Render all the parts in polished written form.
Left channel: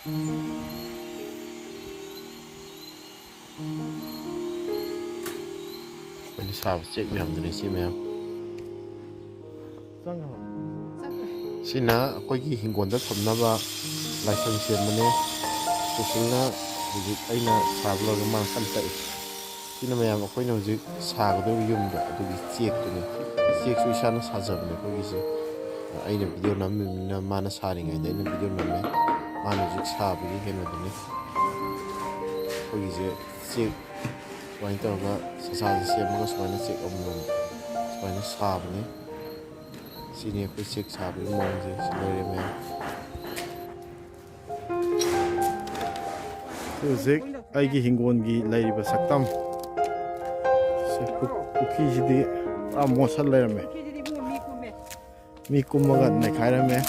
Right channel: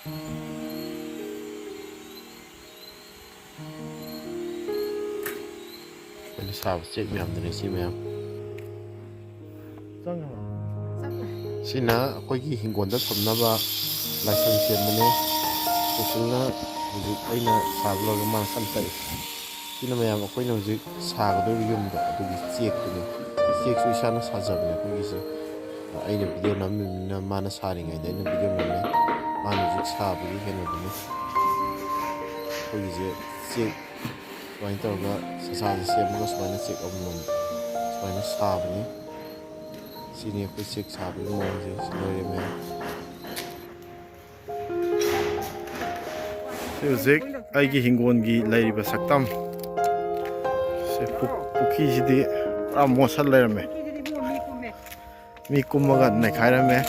Ini sahabat cek miyam dari si miyam. Sina koi ki hinggon da thomna ba laisang sem mane susulna hujik aina sablo ga man kan tai. Sina miyam koi na hujik saga do yum da adugi cek tu ni. Cek su isana sajabne koi ki se aina video nam na mana sari ngai da aina video nam ne mana hujik sabu gi heno du ni. Koi ki se cek Selain itu juga sesaji siapa selain cek omong selain sahab ni sini aku cek sahab ni mau je selain ni. Cek aigi hinggon gi lagi bersaktam. Puki jadi mosal lagi me. Mikum magat naik kaya me.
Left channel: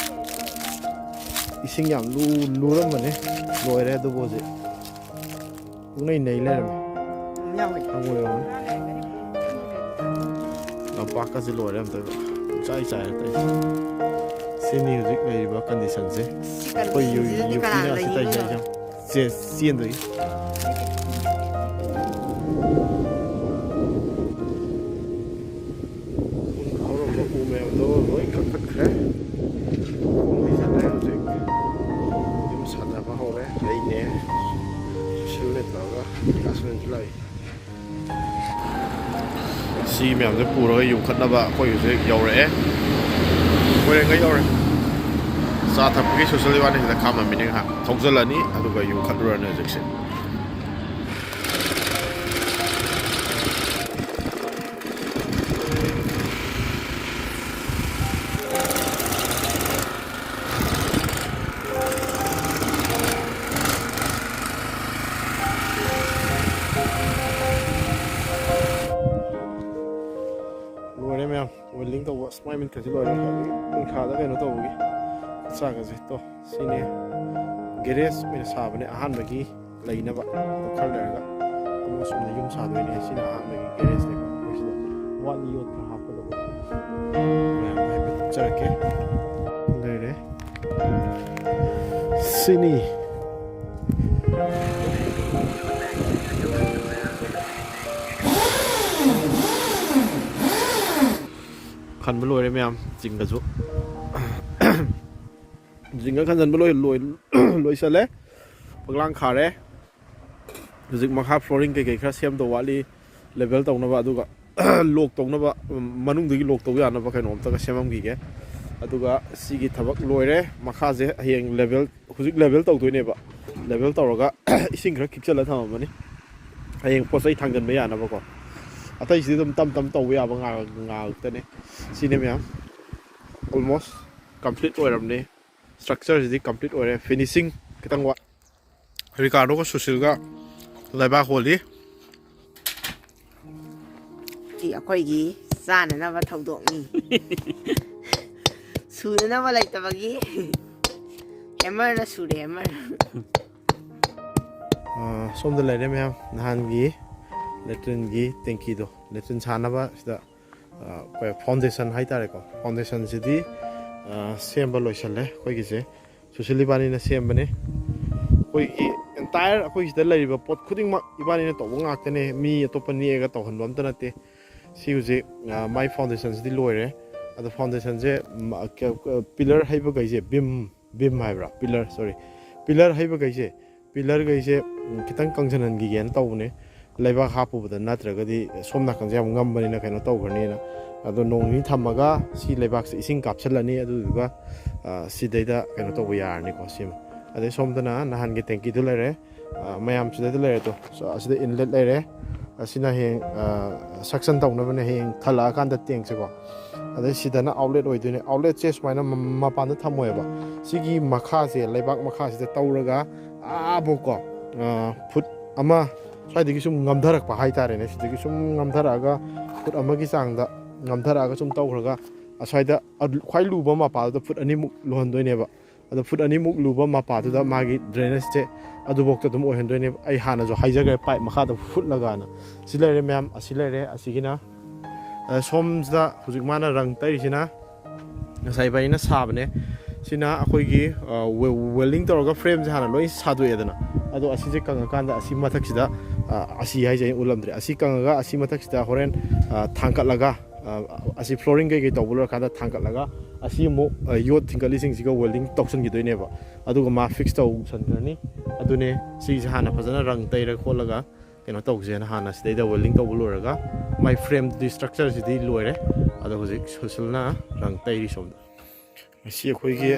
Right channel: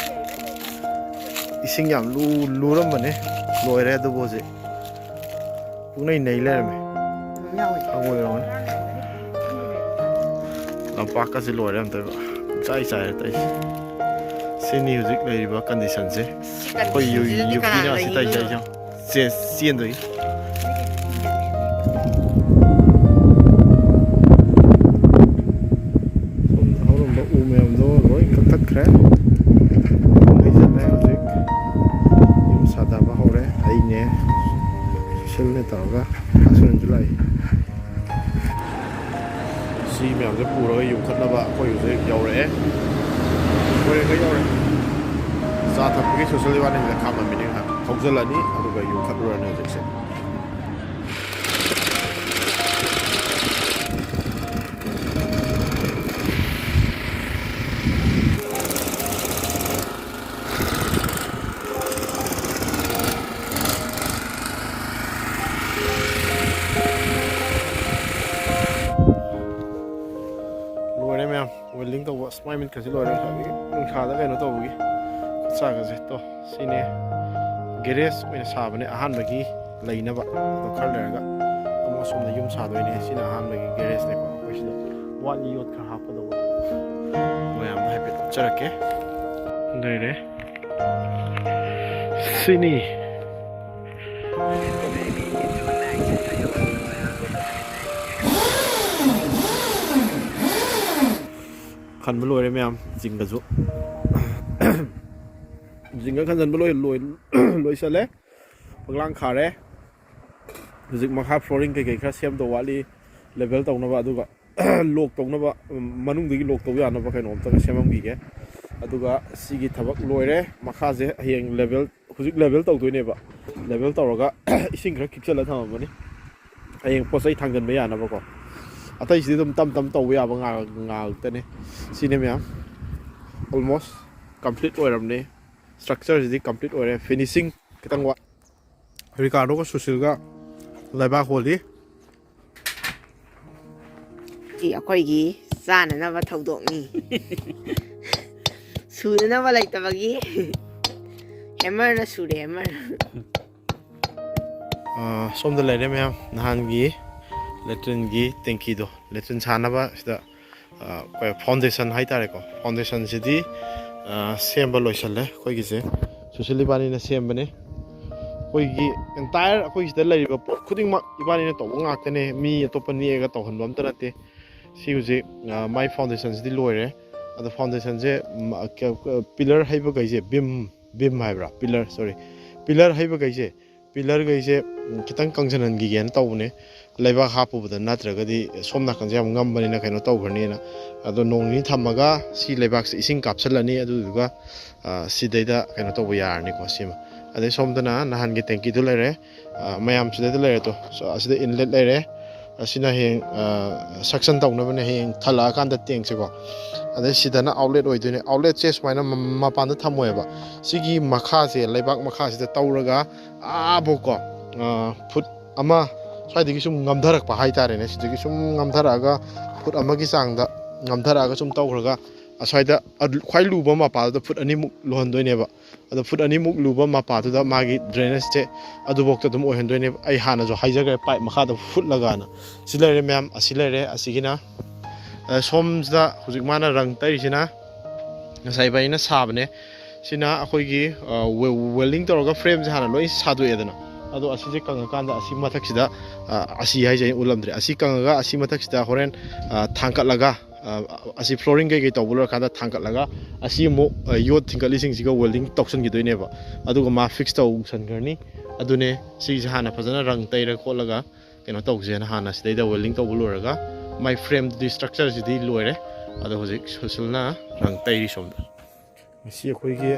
Ising yang lu ram mana? Lu ada tu boze. Punai naik lagi me. Aku yang nampak kasih luar yang tu, cai tai. Sini juga lagi bahkan di sana se. Kau yuki ni masih tai jauh. Sian tu. Orang bawa umum tu, loi kakak kere. Lagi sana juga. Jum sada bahore, hari ni. Sel ni tahu ga, hasil Julai. Si mẹ sẽ phù rồi dùng khăn đá bạ coi sẽ dầu rẻ coi đây cái dầu rẻ sa thập cái số liệu này là khám mà mình đang học thông dân là ní à tụi cái dùng khăn rồi này sẽ Welding tau smile min kasi lori kung khada kaino tau gi sa ga je to sine geres min sa bane ahan bagi laina ba to khar le ga amo sum na yum sa doi ne sine ahan bagi geres ne ko wish da wali yot kha ha pa do mayam hai pe charake dai re sini khăn mới lôi đấy mấy em dình cả ruộng dình các khăn dần mới lôi sơ lé bằng lang khá đấy dình mặc hấp flooring cái khác xem tổ vali level tổng nó vào tôi cả lột tổng nó vào mà nung thì lột tổng ra nó vào cái nón tôi xem không gì cái tôi cả xí cái thằng lôi đấy mặc khá dễ hiện level dình level tổng tôi này vậy level tổng rồi cả sinh khác kích chơi là thằng mà này hiện có dây thằng gần mấy nó vào còn Atau sih tam tahu ya ngal tene sini ya almost complete orang ni structure jadi complete orang finishing kita ngwa Ricardo ko susil ga laba holi chị khoi gi sa na ba thau dok ni su na ba lai ta ba gi hammer na su de hammer som de lai de ya nahan gi Latrine gi thank do Latrine sana ba sida koi foundation hai tare ko foundation sidi sem ba loisal le koi gi se socially bani na sem bane koi gi entire koi sida lai ba pot khuding ma ibani na to ngak tane mi atopa ni ga to hanbam ta nate si uje my foundation sidi loire ado foundation je pillar hai ba gai je beam hai bra pillar hai ba gai je pillar gai je kitang kangjanan gi gen taw ne Leba hapu betul natra kadi somna kan jam ngam bani na kaino tau karni na ado nong ni thamaga si lebak si ising kapsal ani adu duga si daida kaino tau yar ni ko sima ade somdana nahan ge tanki du lere mayam sida du lere to so asida inlet lere asina he suction tau na bane he thala kan da teng se ko ade sidana outlet oidune outlet che smaina mapan da thamoy ba sigi makha se lebak makha sida tauraga boko foot ama Saidi sum ngamdarak pa hai tare ne sidi sum ngamdaraga put amagi sangda ngamdaraga sum tawraga asaida khwai luba ma pa da put ani muk lohon doi ne ba ado put ani muk luba ma pa da magi drainage che adu bok ta dum ohen doi ne ai hana jo haijaga pai makha da put laga na silare mem asilare asigina somda hujik mana rang tai sina ngasai bai na sabne ꯁꯤꯅ ꯑꯩꯈꯣꯏꯒꯤ ꯋꯦꯜꯗꯤꯡ ꯇꯧꯔꯒ ꯐ꯭ꯔꯦꯝꯁꯦ ꯍꯥꯟꯅ ꯂꯣꯏ ꯁꯥꯗꯣꯛꯑꯦꯗꯅ ꯑꯗꯣ ꯑꯁꯤꯁꯦ ꯀꯪꯉꯀꯥꯟꯗ ꯑꯁꯤ ꯃꯊꯛꯁꯤꯗ ꯑꯁꯤ ꯍꯥꯏꯁꯦ ꯑꯩ ꯎꯠꯂꯝꯗ꯭ꯔꯦ ꯑꯁꯤ ꯀꯪꯉꯒ ꯑꯁꯤ ꯃꯊꯛꯁꯤꯗ ꯍꯣꯔꯦꯟ ꯊꯥꯡꯀꯠꯂꯒ ꯑꯁꯤ ꯐ꯭ꯂꯣꯔꯤꯡ ꯀꯩꯀꯩ ꯇꯧꯕ ꯂꯣꯏꯔꯀꯥꯟꯗ ꯊꯥꯡꯀꯠꯂꯒ ꯑꯁꯤ ꯑꯃꯨꯛ ꯌꯣꯠ ꯊꯤꯡꯀꯠꯂꯤꯁꯤꯡꯁꯤꯒ ꯋꯦꯜꯗꯤꯡ ꯇꯧꯁꯟꯈꯤꯗꯣꯏꯅꯦꯕ ꯑꯗꯨꯒ ꯃꯥ ꯐꯤꯛꯁ ꯇꯧꯁꯟꯈ꯭ꯔꯅꯤ ꯑꯗꯨꯅꯦ ꯁꯤꯁꯦ ꯍꯥꯟꯅ ꯐꯖꯅ ꯔꯪ ꯇꯩꯔ ꯈꯣꯠꯂꯒ ꯀꯩꯅꯣ ꯇꯧꯁꯦꯅ ꯍꯥꯟꯅ ꯁꯤꯗꯩꯗ ꯋꯦꯜꯗꯤꯡ ꯇꯧꯕ ꯂꯣꯏꯔꯒ ꯃꯥꯏ ꯐ꯭ꯔꯦꯝꯗꯨꯗꯤ ꯁ꯭ꯇ꯭ꯔꯛꯆꯔꯁꯤꯗꯤ ꯂꯣꯏꯔꯦ ꯑꯗꯣ ꯍꯧꯖꯤꯛ ꯁꯨꯁꯤꯜꯅ ꯔꯪ ꯇꯩꯔꯤ ꯁꯣꯝꯗ ꯉꯁꯤ ꯑꯩꯈꯣꯏꯒꯤ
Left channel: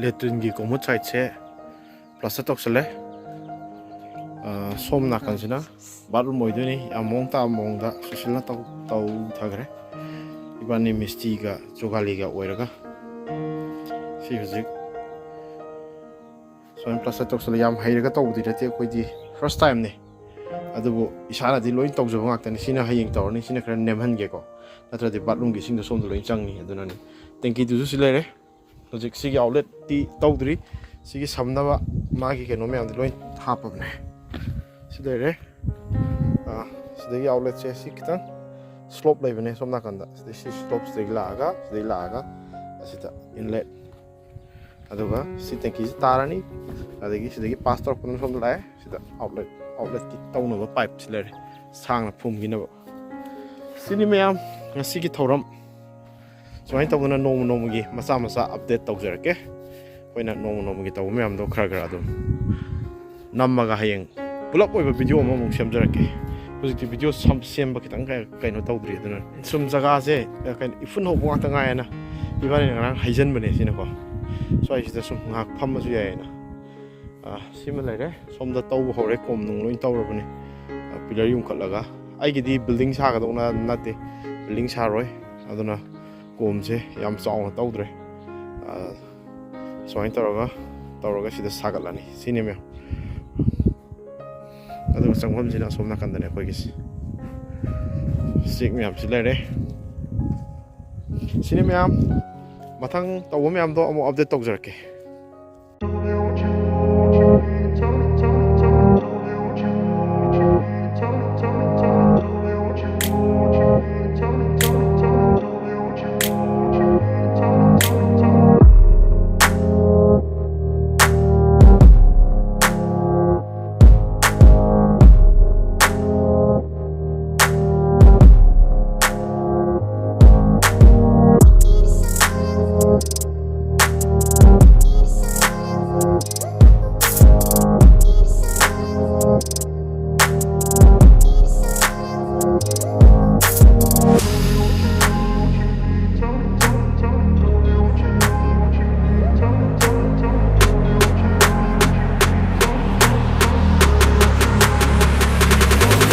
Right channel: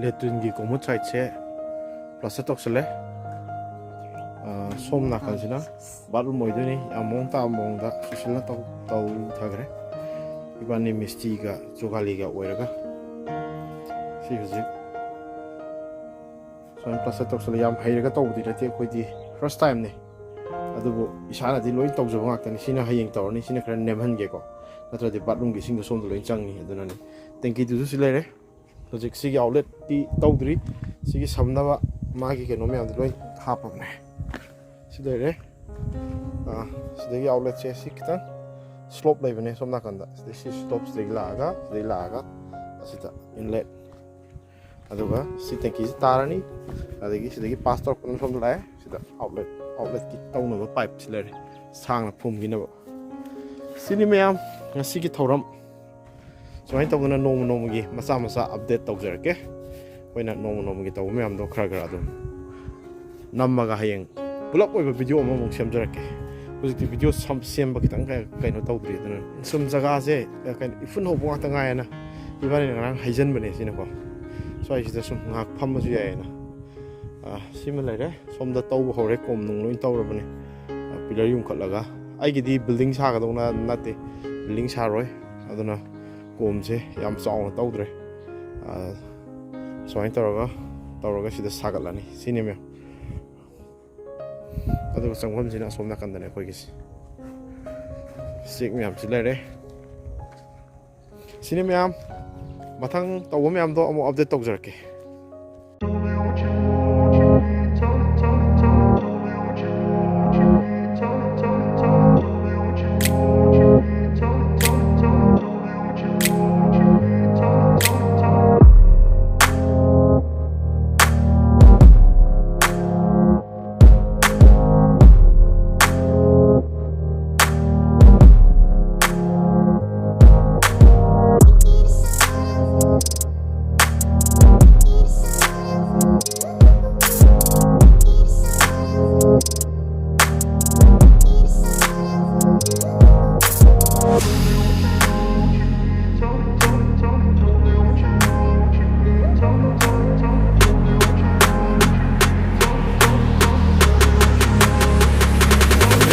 ꯂꯦꯇ꯭ꯔꯤꯟꯒꯤ ꯀꯣꯃꯨꯠ ꯁꯥꯏꯠꯁꯦ ꯄ꯭ꯂꯁꯇꯔ ꯇꯧꯁꯜꯂꯦ ꯁꯣꯝ ꯅꯥꯀꯟꯁꯤꯅ ꯕꯥꯠꯔꯨꯝ ꯑꯣꯏꯗꯣꯏꯅꯤ ꯌꯥꯝ ꯃꯑꯣꯡ ꯇꯥꯕ ꯃꯑꯣꯡꯗ ꯁꯨꯁꯤꯜꯅ ꯇꯧꯊꯈ꯭ꯔꯦ ꯏꯕꯥꯅꯤ ꯃꯤꯁꯇꯤꯒ ꯖꯣꯒꯥꯂꯤꯒ ꯑꯣꯏꯔꯒ ꯁꯤ ꯍꯧꯖꯤꯛ ꯁꯨꯃꯥꯏꯅ ꯄ꯭ꯂꯁꯇꯔ ꯇꯧꯁꯜꯂꯦ ꯌꯥꯝ ꯍꯩꯔꯒ ꯇꯧꯕꯗꯤ ꯅꯠꯇꯦ ꯑꯩꯈꯣꯏꯗꯤ ꯐꯥꯔꯁ ꯇꯥꯏꯝꯅꯤ ꯑꯗꯨꯕꯨ ꯏꯁꯥꯅꯗꯤ ꯂꯣꯏ ꯇꯧꯖꯕ ꯉꯥꯛꯇꯅꯤ ꯁꯤꯅ ꯍꯌꯦꯡ ꯇꯧꯔꯅꯤ ꯁꯤꯅ ꯈꯔ ꯅꯦꯝꯍꯟꯒꯦꯀꯣ ꯅꯠꯇ꯭ꯔꯗꯤ ꯕꯥꯠꯔꯨꯝꯒꯤ ꯏꯁꯤꯡꯗꯣ ꯁꯣꯝꯗ ꯂꯣꯏ ꯆꯪꯅꯤ ꯑꯗꯨꯅꯅꯤ ꯇꯦꯡꯀꯤꯗꯨꯁꯨ ꯁꯤ ꯂꯩꯔꯦ ꯍꯧꯖꯤꯛ ꯁꯤꯒꯤ ꯑꯥꯎꯠꯂꯦꯠꯇꯤ ꯇꯧꯗ꯭ꯔꯤ ꯁꯤꯒꯤ ꯁꯝꯅꯕ ꯃꯥꯒꯤ ꯀꯩꯅꯣ ꯃꯌꯥꯝꯗꯤ ꯂꯣꯏ ꯍꯥꯞꯄꯕꯅꯦ ꯁꯤ ꯂꯩꯔꯦ ꯁꯤꯗꯒꯤ ꯑꯥꯎꯠꯂꯦꯠꯁꯦ ꯁꯤ ꯈꯤꯇꯪ ꯁ꯭ꯂꯣꯞ ꯂꯩꯕꯅꯦ ꯁꯣꯝ ꯅꯥꯀꯟꯗ ꯁꯤꯗꯩ ꯁꯤ ꯁ꯭ꯂꯣꯞ ꯁꯤꯗꯒꯤ ꯂꯥꯛꯑꯒ ꯑꯁꯤꯗ ꯏꯟꯂꯦꯠ ꯑꯗꯨꯒ ꯁꯤ ꯇꯦꯡꯀꯤꯁꯤ ꯇꯥꯔꯅꯤ ꯑꯗꯒꯤ ꯁꯤꯗꯒꯤ ꯄꯥꯁ ꯇꯧꯔꯛꯄꯅ ꯁꯣꯝꯗ ꯂꯥꯛꯑꯦ ꯁꯤꯗ ꯑꯥꯎꯠꯂꯦꯠꯀꯤ ꯇꯧꯅꯕ ꯄꯥꯏꯞꯁꯤ ꯂꯩꯔꯦ ꯁꯥꯡꯅ ꯐꯨꯝꯈꯤꯅꯕ ꯁꯤꯅꯤ ꯃꯌꯥꯝ ꯉꯁꯤꯒꯤ ꯊꯧꯔꯝ ꯁꯨꯃꯥꯏꯅ ꯇꯧꯗꯅ ꯅꯣꯡꯃ ꯅꯣꯡꯃꯒꯤ ꯃꯆꯥ ꯃꯆꯥ ꯑꯞꯗꯦꯠ ꯇꯧꯖꯔꯛꯀꯦ ꯑꯩꯈꯣꯏꯅ ꯅꯣꯡꯃ ꯅꯣꯡꯃꯒꯤ ꯇꯧꯕ ꯃꯌꯥꯝꯗꯣ ꯈꯔ ꯑꯗꯨꯝ ꯅꯝꯃꯒ ꯍꯌꯦꯡ ꯄꯨꯂꯞ ꯑꯣꯏꯕ ꯚꯤꯗꯤꯑꯣ ꯑꯃꯃꯨꯛ ꯁꯦꯝꯖꯔꯛꯀꯦ ꯍꯧꯖꯤꯛꯇꯤ ꯚꯤꯗꯤꯑꯣ ꯁꯦꯝꯕ ꯈꯤꯇꯪ ꯀꯩꯅꯣ ꯇꯧꯗ꯭ꯔꯤ ꯑꯗꯨꯅ ꯁꯨꯝ ꯖꯒꯥꯁꯦ ꯀꯩꯅꯣ ꯏꯐꯨꯟ ꯍꯧꯕ ꯉꯥꯛꯇ ꯉꯥꯏꯌꯦꯅ ꯏꯕꯥꯅꯤꯅ ꯉꯔꯥꯡ ꯍꯩꯖꯤꯟꯕꯅꯦ ꯁꯤꯅꯀꯣ ꯁ꯭ꯋꯥꯏꯁꯤꯗ ꯁꯨꯝ ꯉꯥꯏꯍꯥꯛ ꯐꯝꯕꯁꯨ ꯌꯥꯏꯌꯦꯅ ꯁꯤꯃ ꯂꯩꯔꯦ ꯁꯣꯝꯗ ꯇꯧꯕ ꯍꯧꯔꯦ ꯀꯣꯝ ꯅꯨꯡ ꯂꯣꯏ ꯇꯧꯔꯕꯅꯦ ꯄꯤꯂꯔ ꯌꯨꯡꯈꯠꯂꯒ ꯑꯩꯒꯤꯗꯤ ꯕꯤꯜꯗꯤꯡ ꯁꯥꯒꯗꯧꯅ ꯅꯠꯇꯦ ꯕꯤꯜꯗꯤꯡ ꯁꯥꯔꯣꯏ ꯑꯗꯨꯅ ꯀꯣꯝꯁꯦ ꯌꯥꯝ ꯆꯥꯎꯅ ꯇꯧꯗ꯭ꯔꯦ ꯁꯨꯃꯥꯏꯅ ꯇꯧꯔꯒ ꯁꯤꯗ ꯁꯥꯒꯠꯂꯅꯤ ꯁꯤꯅꯤ ꯃꯌꯥꯝ ꯑꯗꯨꯒ ꯆꯪꯐꯝꯁꯤꯅ ꯑꯁꯣꯝ ꯅꯥꯀꯟꯗꯅꯦ ꯑꯩꯈꯣꯏꯒꯤꯁꯤ ꯆꯦꯛ ꯃꯌꯥꯝꯁꯤ ꯂꯩꯔꯦ ꯁꯤꯅꯤ ꯃꯌꯥꯝ ꯃꯊꯪ ꯇꯧꯕ ꯃꯌꯥꯝꯗꯣ ꯑꯃꯨꯛ ꯑꯞꯗꯦꯠ ꯇꯧꯖꯔꯛꯀꯦ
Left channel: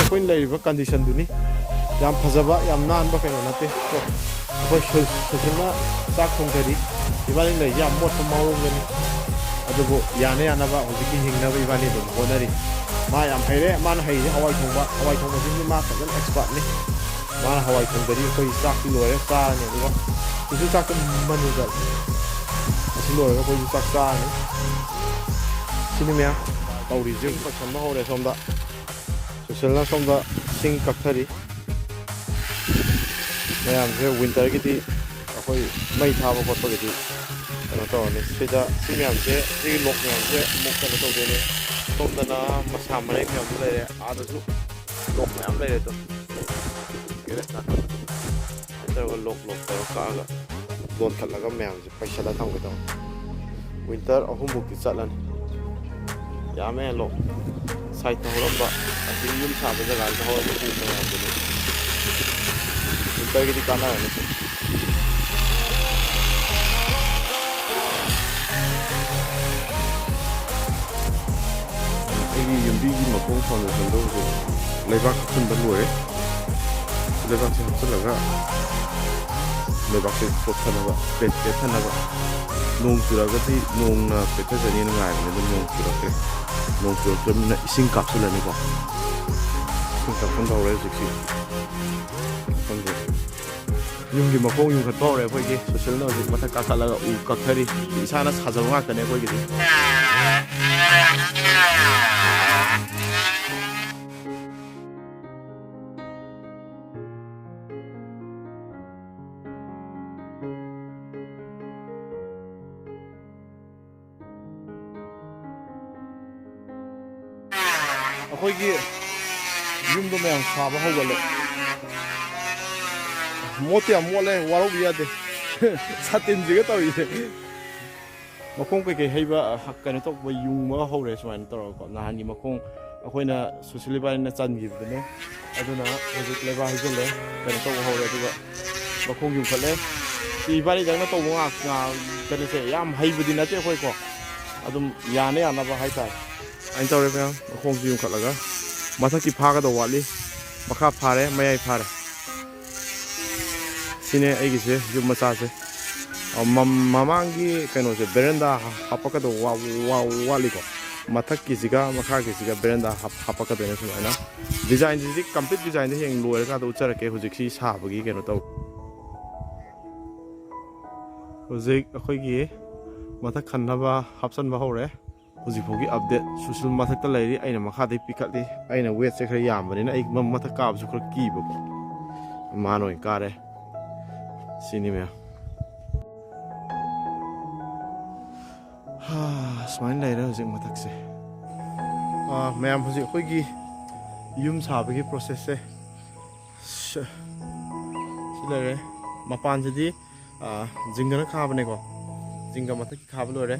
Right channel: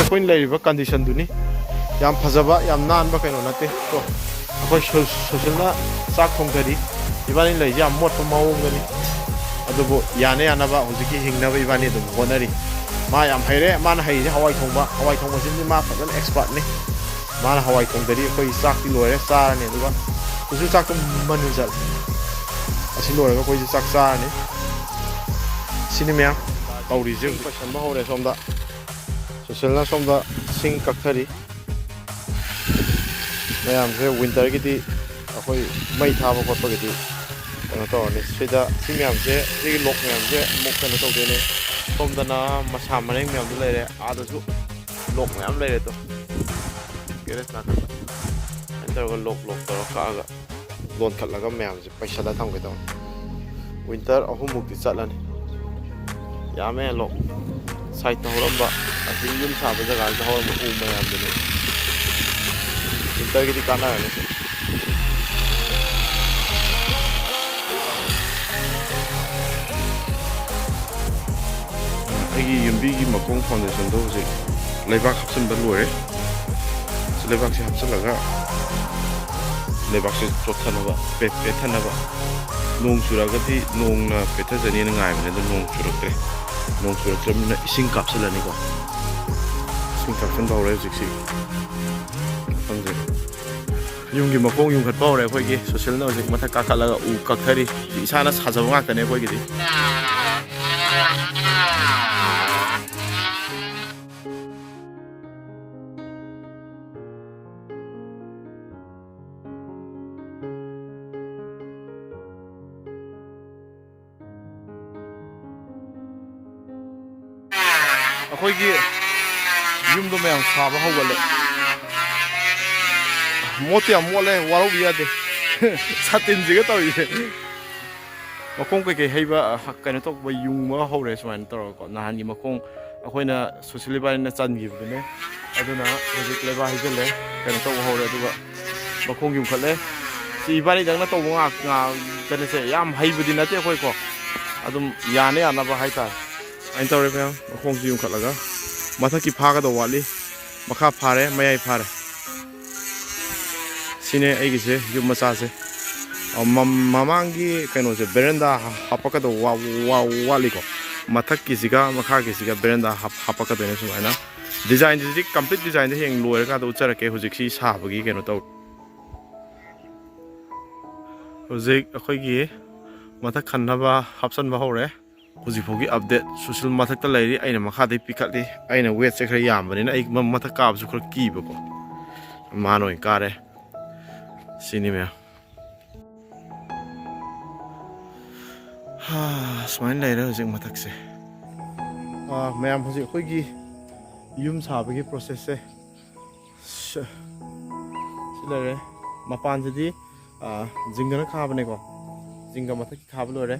ꯑꯩꯈꯣꯏꯅ ꯂꯩꯔꯤꯕ ꯀꯟꯗꯤꯁꯟꯗꯨꯅꯤ ꯌꯥꯝ ꯐꯖꯕ ꯌꯥꯝ ꯅꯥꯟꯕ ꯀꯩꯅꯣ ꯅꯠꯇꯦ ꯀꯣ ꯑꯩꯈꯣꯏ ꯁꯨꯁꯤꯜꯅ ꯆꯥꯛ ꯊꯣꯡꯊꯔꯤ ꯏꯕꯥꯅꯤ ꯂꯩꯔꯤꯁꯦ ꯌꯥꯝ ꯃꯣꯠꯄ ꯃꯑꯣꯡꯗꯅꯤ ꯑꯗꯨꯕꯨ ꯌꯥꯅꯕ ꯍꯧꯖꯤꯛꯀꯤ ꯍꯤꯡꯅꯕ ꯏꯕꯥꯅꯤ ꯑꯗꯨꯝ ꯍꯣꯠꯅꯔꯤ ꯃꯥ ꯌꯥꯝ ꯍꯩꯔꯦ ꯃꯥꯅ ꯍꯩꯔꯤꯁꯦ ꯍꯋꯥꯏ ꯊꯣꯡꯕꯁꯤꯗꯤ ꯃꯥ ꯐꯖꯅ ꯑꯦꯛꯁꯄꯥꯔꯠꯅꯤ ꯃꯥꯅ ꯍꯋꯥꯏ ꯊꯣꯡꯗꯔꯤ ꯑꯩꯈꯣꯏ ꯆꯥꯛꯇꯤ ꯂꯣꯏꯔꯦ ꯆꯥꯔꯅꯤ ꯑꯗꯨꯒ ꯍꯧꯖꯤꯛ ꯆꯥꯛꯇꯣ ꯃꯅꯤꯜ ꯆꯠꯂꯦ ꯑꯁꯤ ꯂꯣꯏꯔꯒ ꯑꯩꯈꯣꯏꯁꯦ ꯆꯥꯛ ꯆꯥꯔꯅꯤ ꯁꯤꯅꯤ ꯃꯌꯥꯝ ꯇꯧꯔꯤꯁꯦ ꯄꯩꯁꯟꯕ ꯍꯧꯔꯦ ꯁꯣꯝꯗ ꯁꯨꯁꯤꯜꯅ ꯁꯣꯝꯗ ꯁꯤꯡ ꯀꯛꯊꯔꯤ ꯃꯌꯥꯝꯁꯦ ꯋꯤꯟꯇꯔꯒꯤꯗꯤ ꯑꯩꯈꯣꯏ ꯃꯩ ꯊꯥꯕ ꯈꯣꯠꯄꯒꯤꯗꯤ ꯀꯩꯅꯣ ꯇꯧꯔꯅꯤ ꯁꯤꯗ ꯁꯤ ꯃꯌꯥꯝꯁꯦ ꯁꯤꯒꯤ ꯂꯣꯛ ꯃꯌꯥꯝꯁꯦ ꯑꯃꯨꯛ ꯀꯩꯅꯣ ꯇꯧꯗꯣꯏꯅꯦ ꯁꯣꯝꯗꯅ ꯃꯁꯥ ꯃꯔꯦꯡ ꯃꯌꯥꯝꯁꯨ ꯂꯩꯔꯦ ꯑꯥꯗꯁꯨ ꯂꯣꯛ ꯃꯌꯥꯝ ꯂꯩꯔꯦ ꯑꯗꯣ ꯑꯗꯨꯃꯥꯏꯅ ꯇꯧꯔꯒ ꯂꯣꯛ ꯇꯧꯔꯒ ꯀꯛꯑꯒ ꯂꯣꯟꯈꯠꯂꯒ ꯃꯌꯥꯝꯁꯦ ꯄꯩꯁꯜꯂ ꯊꯝꯒꯦ ꯇꯧꯅꯤ ꯋꯤꯟꯇꯔ 3 ꯃꯨꯛꯇꯤ ꯆꯠꯂꯅꯤ ꯌꯥꯝꯃꯦ ꯂꯣꯛ ꯁꯥꯏꯠꯇ ꯍꯧꯔꯝꯕ ꯑꯁꯤ ꯌꯨꯝ ꯁꯥꯕ ꯖꯒꯥꯁꯤꯗ ꯍꯧꯔꯝꯕ ꯎ ꯃꯌꯥꯝꯗꯨꯅꯤ ꯋꯤꯟꯇꯔꯒꯤꯗꯤ ꯀꯥꯟꯅꯔꯅꯤ ꯑꯩꯒꯤ ꯌꯨꯝꯕꯤꯒꯤ ꯃꯈꯣꯡ ꯐꯥꯎꯟꯗꯦꯁꯟꯗꯣ ꯍꯧꯖꯤꯛ ꯂꯩꯕꯥꯛ ꯍꯥꯞꯆꯤꯟꯕ ꯂꯣꯏꯔꯦ ꯂꯩꯕꯥꯛꯁꯦ ꯍꯥꯞꯆꯤꯜꯂꯒ ꯂꯩꯕꯥꯛꯁꯦ ꯆꯣꯠꯊꯅꯕ ꯄꯦꯠꯊꯅꯕ ꯅꯣꯡ ꯆꯨꯔꯒꯗꯤ ꯅꯣꯡꯅ ꯄꯦꯠꯊꯖꯅꯤꯅ ꯉꯥꯏꯕꯅꯦ ꯑꯗꯨ ꯅꯣꯡ ꯆꯨꯔꯛꯇ꯭ꯔꯦ ꯅꯣꯡ ꯆꯨꯔꯛꯇ꯭ꯔꯕꯅꯤꯅ ꯏꯁꯤꯡ ꯀꯥꯞꯁꯤꯜꯂꯅꯤꯀꯣ ꯏꯁꯤꯡ ꯀꯥꯞꯁꯤꯟꯕ ꯍꯧꯔꯦ ꯍꯧꯖꯤꯛꯁꯤ ꯈꯪꯗꯦ ꯌꯨꯝꯒꯤ ꯃꯈꯣꯡ ꯌꯨꯡꯈꯠꯄ ꯍꯧꯔꯦ ꯑꯩꯈꯣꯏꯒꯤ ꯁꯣꯁꯤꯜꯅ ꯍꯧꯖꯤꯛ ꯃꯊꯛ ꯀꯥꯈꯠꯂꯒ ꯎ ꯀꯛꯊꯔꯤ ꯏꯁꯥꯅ ꯁꯥꯖꯕ ꯉꯥꯛꯇꯅꯦ ꯑꯩꯈꯣꯏꯒꯤꯗꯤ ꯑꯩꯈꯣꯏꯒꯤ ꯌꯨꯝꯗꯣ ꯃꯌꯥꯝ ꯁꯥꯕ ꯍꯧꯒꯠꯂꯦ ꯃꯣꯠꯇꯤ ꯌꯥꯝ ꯃꯣꯠꯂꯦ ꯋꯥꯔꯧꯕꯤ ꯌꯥꯗꯦ ꯁꯥꯇꯤꯟꯁꯤꯒ ꯇꯧꯔꯤꯁꯦ ꯃꯈꯣꯡ ꯀꯩꯀꯩ ꯍꯩꯕ ꯀꯩꯅꯣ ꯇꯧꯕ ꯌꯨꯡꯕ ꯍꯧꯔꯦ ꯁꯨꯃꯥꯏꯅ ꯇꯧꯔꯒꯀꯣ ꯅꯍꯥꯟꯒꯤ ꯃꯈꯣꯡ ꯑꯩꯈꯣꯏꯅ ꯁꯨꯁꯤꯜ ꯏꯕꯥꯅꯤꯅ ꯆꯟꯈꯤꯕꯗꯨꯅꯦ ꯑꯗꯨꯅ ꯍꯧꯖꯤꯛ ꯂꯩꯕꯥꯛ ꯍꯩꯖꯤꯜꯂꯦ ꯀꯩꯅꯣ ꯇꯧꯕ ꯍꯧꯔꯦ ꯑꯗꯨꯒ ꯃꯈꯣꯡ ꯌꯨꯡꯈꯠꯂꯦ ꯁꯤ ꯏꯕꯥꯅꯤꯗꯪꯅ ꯇꯧꯕ ꯀꯩꯅꯣꯁꯦ ꯌꯥꯝ ꯍꯩꯕꯗꯤ ꯅꯠꯇꯦ ꯑꯩꯈꯣꯏꯀꯣ ꯑꯗꯨꯝ ꯌꯥꯅ ꯌꯥꯅꯕ ꯍꯥꯏꯇꯥꯔꯦ ꯑꯩꯅ ꯇꯧꯔꯦ ꯃꯌꯥꯝ ꯃꯈꯣꯡꯁꯤ ꯌꯨꯡꯈꯠꯂꯒ ꯃꯊꯛꯀꯤ ꯐꯥꯒꯗꯧꯕ ꯋꯥꯠꯂꯤ ꯃꯈꯥ ꯐꯥꯔꯦ ꯃꯌꯥꯏ ꯐꯥꯔꯦ ꯁꯤꯅꯦ ꯑꯩꯒꯤꯁꯦ ꯌꯨꯝ ꯃꯆꯥꯁꯦ ꯃꯃꯥꯡꯒꯤ ꯀꯩꯅꯣꯁꯦ ꯕꯦꯔꯦꯟꯗꯥ ꯍꯥꯞꯄꯛꯀꯗꯧꯕ ꯋꯥꯠꯂꯤꯀꯣ ꯃꯊꯛꯀꯤꯁꯤꯒ ꯃꯈꯥꯒꯤꯁꯤꯒ ꯕꯦꯔꯦꯟꯗꯥ ꯍꯥꯞꯄꯛꯀꯗꯣꯏꯅꯦ ꯁꯨꯃꯥꯏꯅ ꯗꯤꯖꯥꯏꯟꯁꯤꯗꯤ ꯀꯝꯄ꯭ꯂꯤꯠ ꯗꯤꯖꯥꯏꯟꯗ ꯍꯌꯦꯡ ꯂꯣꯏꯔꯀꯥꯟꯗ ꯎꯠꯆꯔꯛꯀꯦ ꯍꯧꯖꯤꯛꯁꯤ ꯁꯥꯕꯒꯤ ꯀꯩꯅꯣ ꯇꯧ ꯍꯧꯖꯤꯛ ꯑꯩꯈꯣꯏꯒꯤ ꯃꯊꯛ ꯈꯟꯅꯕ ꯍꯥꯞꯆꯟꯕ ꯍꯧꯔꯦ ꯍꯧꯖꯤꯛꯐꯥꯎꯒꯤ ꯑꯞꯗꯦꯠ ꯁꯨꯁꯤꯜ ꯃꯊꯛꯇ ꯂꯩꯔꯤ ꯑꯩꯅ ꯃꯈꯥꯗꯩ ꯄꯤꯈꯠꯂꯤ ꯑꯩꯅ ꯋꯦꯠꯁꯦ ꯈꯔ ꯌꯥꯝꯕꯅꯤꯅ ꯑꯩ ꯃꯊꯛ ꯀꯥꯕꯁꯨ ꯈꯔ ꯀꯤꯕꯀꯣ ꯃꯥꯅ ꯑꯣꯏꯅ ꯀꯥꯔꯦ ꯁꯤꯅꯤ ꯃꯌꯥꯝ ꯁꯨꯃꯥꯏꯅ ꯂꯩꯔꯦ ꯍꯧꯖꯤꯛ ꯃꯊꯛꯁꯦ ꯃꯌꯥꯝ ꯍꯧꯖꯤꯛ ꯑꯩꯈꯣꯏꯒꯤ ꯌꯨꯝ ꯁꯥꯕꯒꯤ ꯄ꯭ꯔꯣꯁꯦꯁꯁꯦ ꯁꯤ ꯂꯩꯔꯦ ꯃꯄꯥꯟꯁꯤꯗꯤ ꯖꯤꯡꯒꯅ ꯈꯥꯕꯅꯦꯀꯣ ꯖꯤꯡꯒ ꯃꯊꯛꯀꯤ ꯈꯥꯕ ꯂꯣꯏꯔꯦ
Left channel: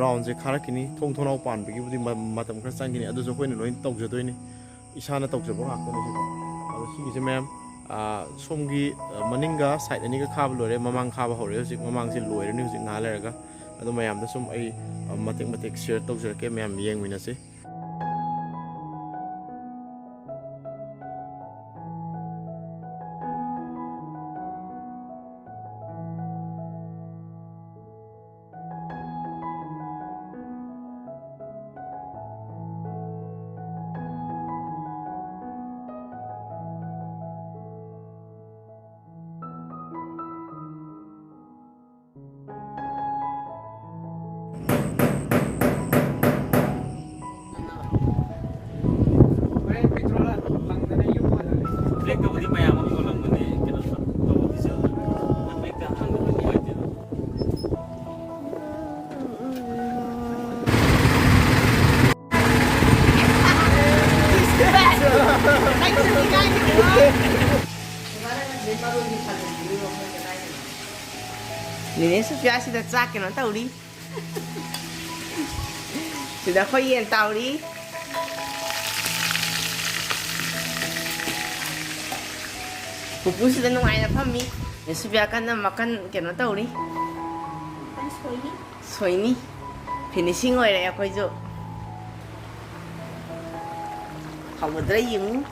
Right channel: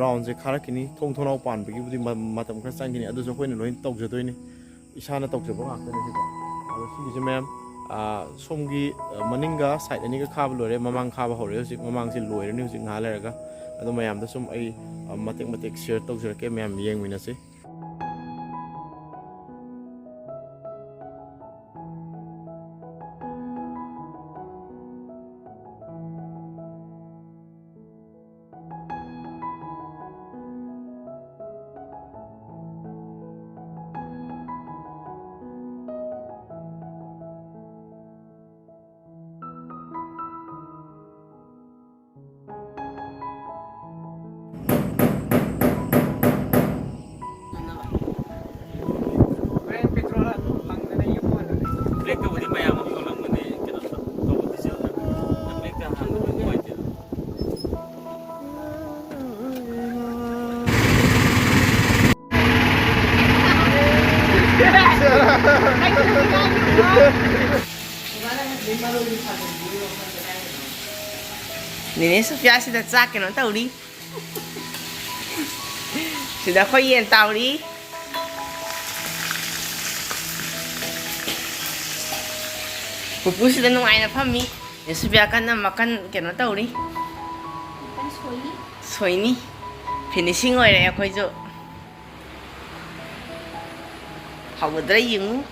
ꯔꯥꯎꯟꯁꯦ ꯈꯥꯔꯛꯈꯤꯅꯤ ꯊꯣꯡ ꯊꯣꯡꯅꯥꯎ ꯄꯥꯟꯕꯒꯤꯕꯨꯗꯤ ꯃꯇꯝ ꯈꯔ ꯆꯪꯈꯤꯅꯤ ꯑꯗꯨꯁꯨ ꯑꯩꯈꯣꯏꯅ ꯂꯣꯏ ꯇꯧꯖꯗꯣꯏꯅꯤ ꯏꯁꯥꯅ ꯇꯧꯖꯕ ꯉꯥꯛꯇꯅꯦ ꯁꯤꯀꯣ ꯑꯗꯣ ꯁꯤꯒꯤꯁꯦ ꯃꯌꯥꯝ ꯁꯣꯝꯒꯤ ꯃꯅꯤꯡꯒ ꯁꯥꯏꯠ ꯑꯅꯤꯒ ꯈꯥꯕ ꯂꯣꯏꯔꯦ ꯃꯃꯥꯡ ꯈꯥꯕ ꯍꯧꯔꯦ ꯍꯧꯖꯤꯛ ꯃꯃꯥꯡꯁꯦ ꯂꯣꯏꯔꯅꯤ ꯍꯧꯖꯤꯛ ꯉꯥꯏꯍꯥꯛ ꯂꯩꯔꯒ ꯑꯗꯣ ꯃꯌꯥꯝꯗ ꯁꯨꯝ ꯑꯩ ꯃꯇꯦꯛ ꯃꯇꯦꯛ ꯁꯤꯌꯔ ꯇꯧꯖꯔꯛꯀꯦ ꯃꯌꯥꯝ ꯌꯦꯡꯃꯤꯟꯅꯁꯤ Nene Sophia sida chak keno tauri. Sida khoi yen tauri. Pupu sida nungai na phami. Nene Sophia kan na makan keno tauri. Soini. Finishing oire akhoi jo. Hawdra yung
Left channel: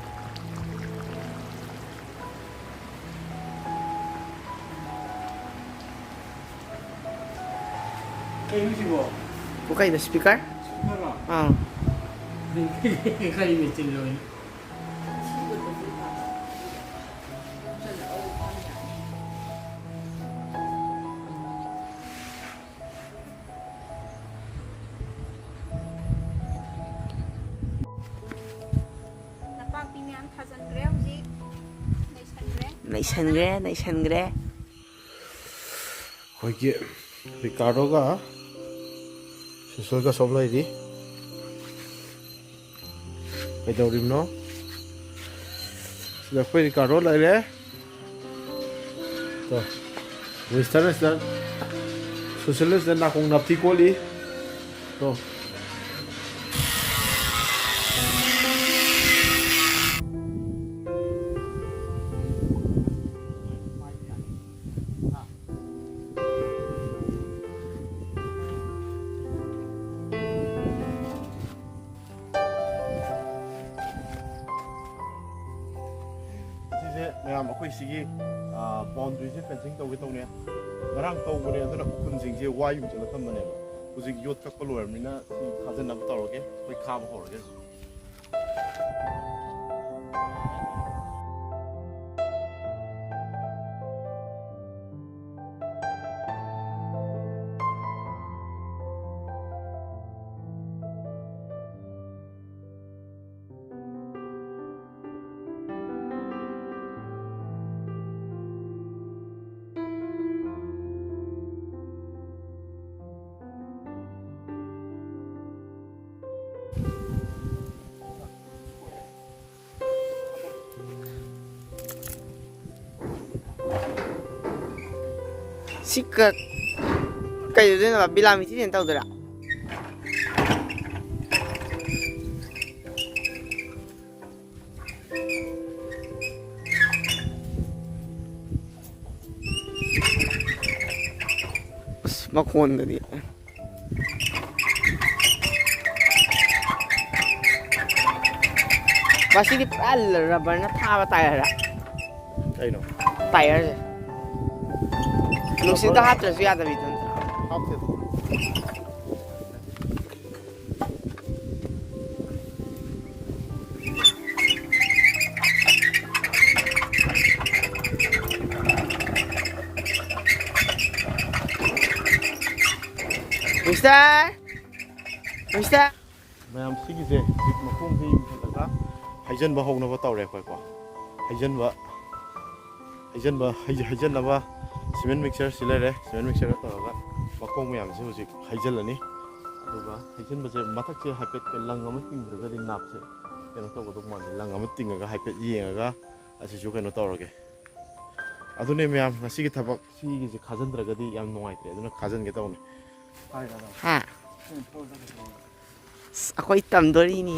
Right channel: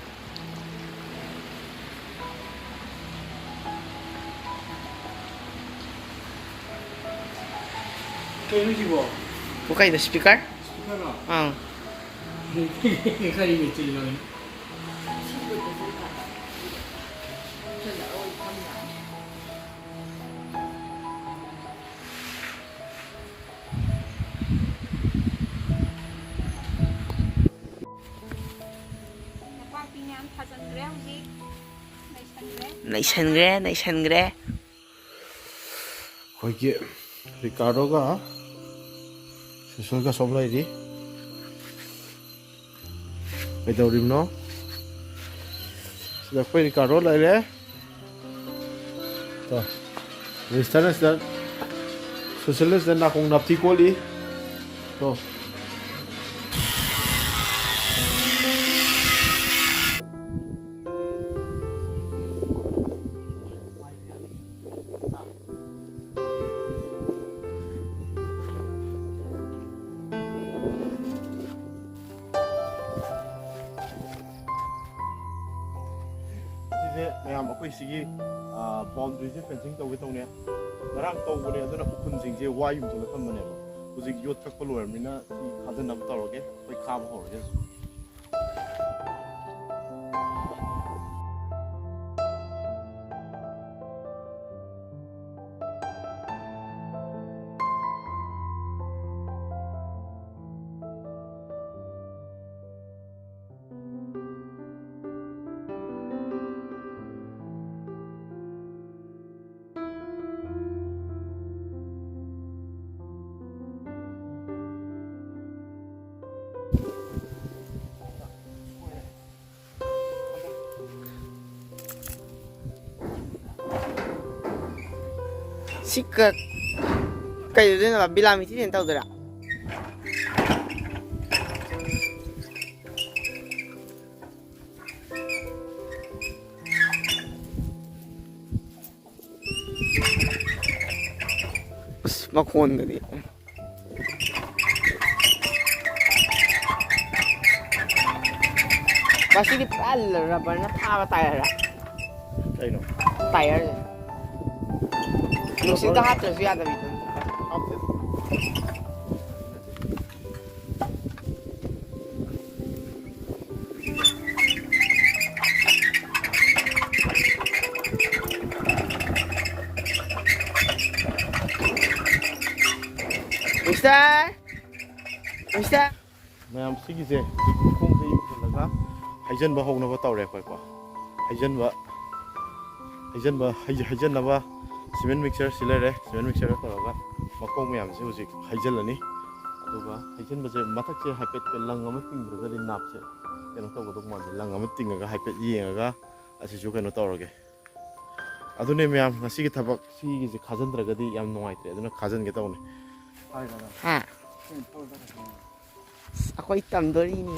bukai the speaker? Naisangre. ꯑꯩꯈꯣꯏꯒꯤ ꯔꯤꯀꯥꯔꯗꯣꯒ ꯁꯨꯁꯜꯒ ꯁꯣꯝ ꯂꯩꯔꯤ ꯀꯩꯗꯧꯔꯤꯕꯅꯣ ꯁꯤꯗ ꯑꯩꯈꯣꯏ ꯔꯤꯀꯥꯔꯗꯣ ꯂꯩꯔꯦ ꯋꯤꯁꯇꯔꯅ ꯁꯤꯗ ꯁꯨꯁꯜꯅ ꯁꯤꯗ ꯅꯥꯀꯣꯡ ꯅꯥꯞꯊꯤ ꯀꯣꯠꯂꯤ ꯃꯌꯥꯝ ꯑꯩꯈꯣꯏ ꯁꯤꯒꯤ ꯕꯥꯎꯟꯗ꯭ꯔꯤꯁꯦ ꯐꯦꯟꯁꯤꯡ ꯇꯧꯒꯦ ꯇꯧꯅꯦ ꯉꯔꯥꯡ ꯇꯧꯕꯅꯦ ꯑꯗꯨꯅ ꯎꯈꯨꯟꯁꯤꯡꯁꯦ ꯋꯥ ꯌꯨꯡꯁꯤꯜꯂ ꯊꯝꯕꯅꯦꯕ ꯍꯧꯖꯤꯛ ꯌꯣꯠ ꯀꯛꯄ ꯂꯣꯏꯔꯕꯅꯤꯅ ꯁꯤ ꯈꯥꯖꯤꯟꯅꯕ ꯇꯧꯔꯒꯦ ꯑꯩꯈꯣꯏ ꯈꯥꯕ ꯍꯧꯔꯒꯦ ꯁꯤꯛꯀ ꯀꯩꯗꯧꯗꯣꯏꯅꯣ ꯕꯤꯂꯥꯃꯤꯇꯤꯗ ꯇꯧꯗꯣꯏꯔꯥ ꯃꯈꯣꯟꯗꯗꯤ ꯃꯁꯤꯒꯤ ꯄꯨꯔꯥ ꯔꯕꯔꯅ ꯊꯥꯕ ꯇꯥꯏꯌꯔ ꯀꯩꯅꯣ ꯇꯥꯏꯌꯔꯁꯦ ꯅꯨꯡꯁꯤꯠꯇ ꯍꯥꯠꯇ꯭ꯔꯁꯨ ꯌꯥꯗꯕꯤꯗ ꯍꯥꯞꯇꯦꯗ ꯃꯤꯁꯇꯔ ꯃꯌꯥꯝ ꯁꯤꯒꯤꯁꯦ ꯍꯧꯖꯤꯛ ꯃꯈꯣꯡꯁꯦ ꯌꯨꯡꯈꯠꯂꯒ ꯍꯩꯖꯟꯕ ꯍꯧꯅꯕ ꯇꯧꯔꯦ ꯑꯩꯈꯣꯏꯀꯣ ꯍꯩꯖꯟꯅꯕ ꯁꯤꯃꯦꯟ ꯃꯤꯛꯆꯔ ꯁꯤ ꯂꯩꯔꯦ ꯁꯤꯃꯦꯟ ꯃꯤꯛꯆꯔ ꯇꯧꯔꯒ ꯃꯈꯣꯡ ꯃꯌꯥꯝꯁꯦ ꯍꯧꯖꯤꯛ ꯍꯩꯖꯜꯂꯅꯤ ꯑꯗꯨꯒ ꯍꯩꯖꯟꯕꯁꯦ ꯃꯊꯛꯁꯦ ꯍꯥꯏꯐꯦꯠ ꯂꯪ ꯑꯃ ꯇꯤꯡꯗ꯭ꯔꯒꯗꯤ ꯅꯥꯞꯁꯦ ꯀꯩꯅꯣ ꯇꯧꯒꯗꯧ ꯃꯥꯟꯗꯦ ꯂꯪ ꯑꯃ ꯇꯤꯡꯉꯒ ꯍꯥꯏꯐꯦꯠ ꯌꯦꯡꯉꯒ ꯑꯁꯤꯁꯨ ꯀꯩꯅꯣ ꯇꯧꯔꯒꯦ ꯑꯗꯨꯅꯦ ꯃꯌꯥꯝ ꯉꯁꯤꯒꯤ ꯊꯕꯛ ꯁꯤꯒꯤꯁꯦ ꯈꯥꯖꯤꯟꯗ꯭ꯔꯒꯗꯤ ꯌꯥꯝ ꯅꯨꯡꯉꯥꯏꯇ꯭ꯔꯦ ꯑꯗꯨꯅ ꯈꯥꯖꯤꯟꯒꯦ ꯇꯧꯅꯦ ꯍꯥ ꯑꯩꯈꯣꯏ ꯇꯝꯗꯣꯔꯤꯅꯤ